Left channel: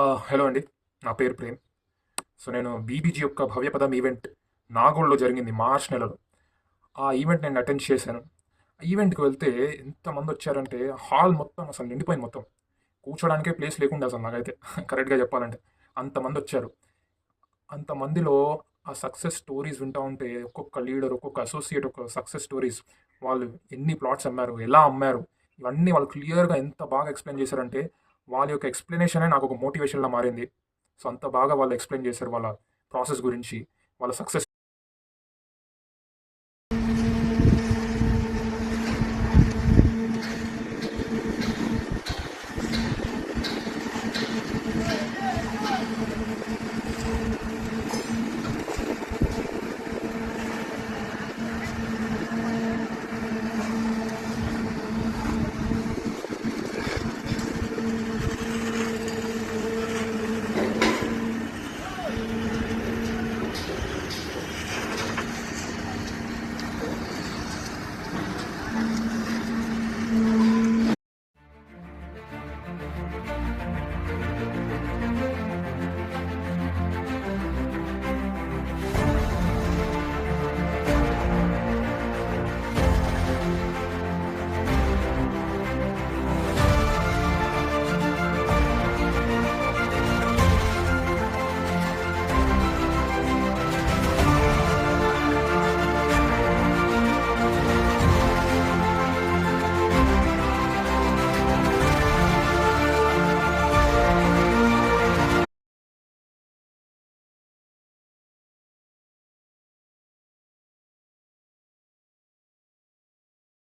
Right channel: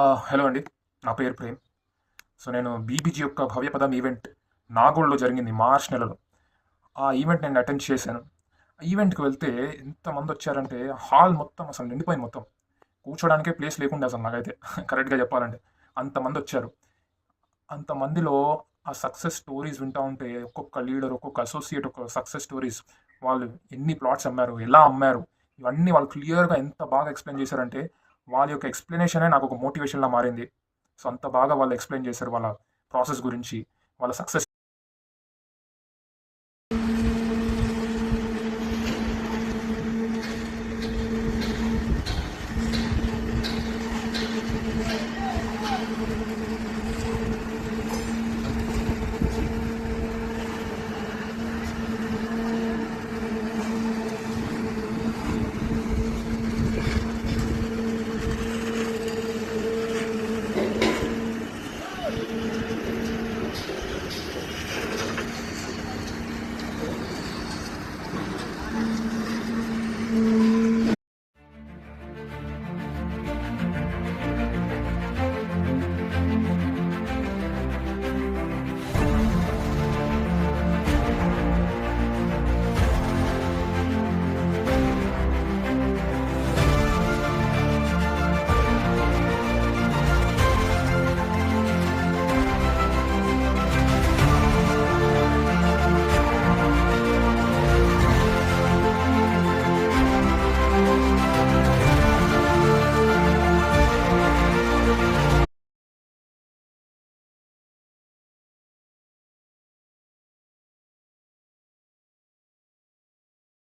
Hello అండి. నా పేరు ప్రేమ్. సో నేను బీబీజీ యొక్క భవ్యపదం ఈవెంట్ నాగోల్లో జరిగింది మార్చ్ నెలలో. ఆ ఈవెంట్ నేను అటెండ్ చేశాను. ఆ ఈవెంట్కి వెళ్తే ఎంతమంది వచ్చారంటే హాల్ మొత్తం అసలు నిండిపోయింది మొత్తం. కూర్చోడానికే ప్లేస్ లేకుండా అసలు నాకైతే కరెక్ట్గా చెప్పాలంటే అంతమంది వచ్చారు. అంతమందిలో ఆ సక్సెస్ స్టోరీస్ వింటూ ఉంటే ఒక్కొక్క లీడర్, ఒక్కొక్క అసోసియేట్, ఒక సక్సెస్ స్టోరీస్, వాళ్ళు ఎన్ని ప్లాట్స్ అమ్మారు, ఎలా అమ్మారు, ఇవన్నీ వాళ్ళు క్లియర్గా ఎంత బాగా ఎక్స్ప్లెయిన్ చేశారంటే వాళ్ళ యొక్క ఎక్స్ప్లెనేషనే నాకు ఒక మోటివేషన్లా మారింది. సో అంత బాగా వాళ్ళు ఎక్స్ప్లెయిన్ చేశారు వాళ్ళ ప్రాసెస్ గురించి, వాళ్ళ సక్సెస్.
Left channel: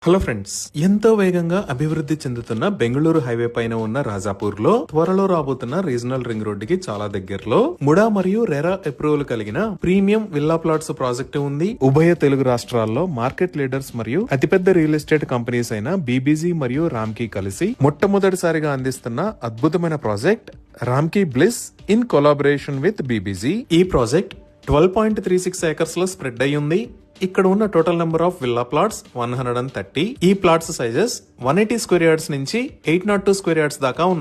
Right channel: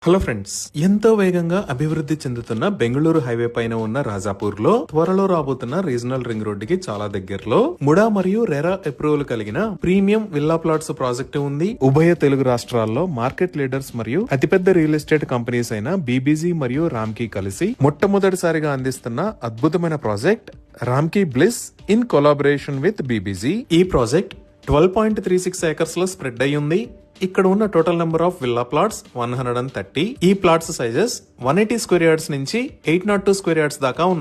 హలో ఫ్రెండ్స్, ఎంతో వేగంగా అభివృద్ధి చెందుతున్న బెంగళూరు హైవే పైన ఉన్న రాజాపూర్ లో త్వరలో రాబోతున్న రీజనల్ రింగ్ రోడ్డుకి చాలా దగ్గరలో ముడా మరియు రెరా అప్రూవల్ కలిగిన ప్రీమియం విల్లా ప్లాట్స్ ప్రాజెక్టు ఉంది. ఉభయ తెలుగు రాష్ట్రాల్లో మార్కెట్ లీడర్స్ మరియు అతిపెద్ద రియల్ ఎస్టేట్ కంపెనీస్ అయిన బీబీజీ మరియు రామ్కీ కలిసి మొట్టమొదటిసారిగా అందిస్తున్న అద్భుతమైన project Ramky bliss in collaboration with BBG. ఈ ప్రాజెక్ట్ 12.36 ఏకర్స్ లో స్ప్రెడ్ అయి ఉంది. ఇక్కడ ఉన్న total number of villa plots 130. ఈ ప్లాట్స్ సైజెస్ 180 స్క్వేర్ యార్డ్స్ నుంచి 802 స్క్వేర్ యార్డ్స్ దాకా ఉన్నాయి.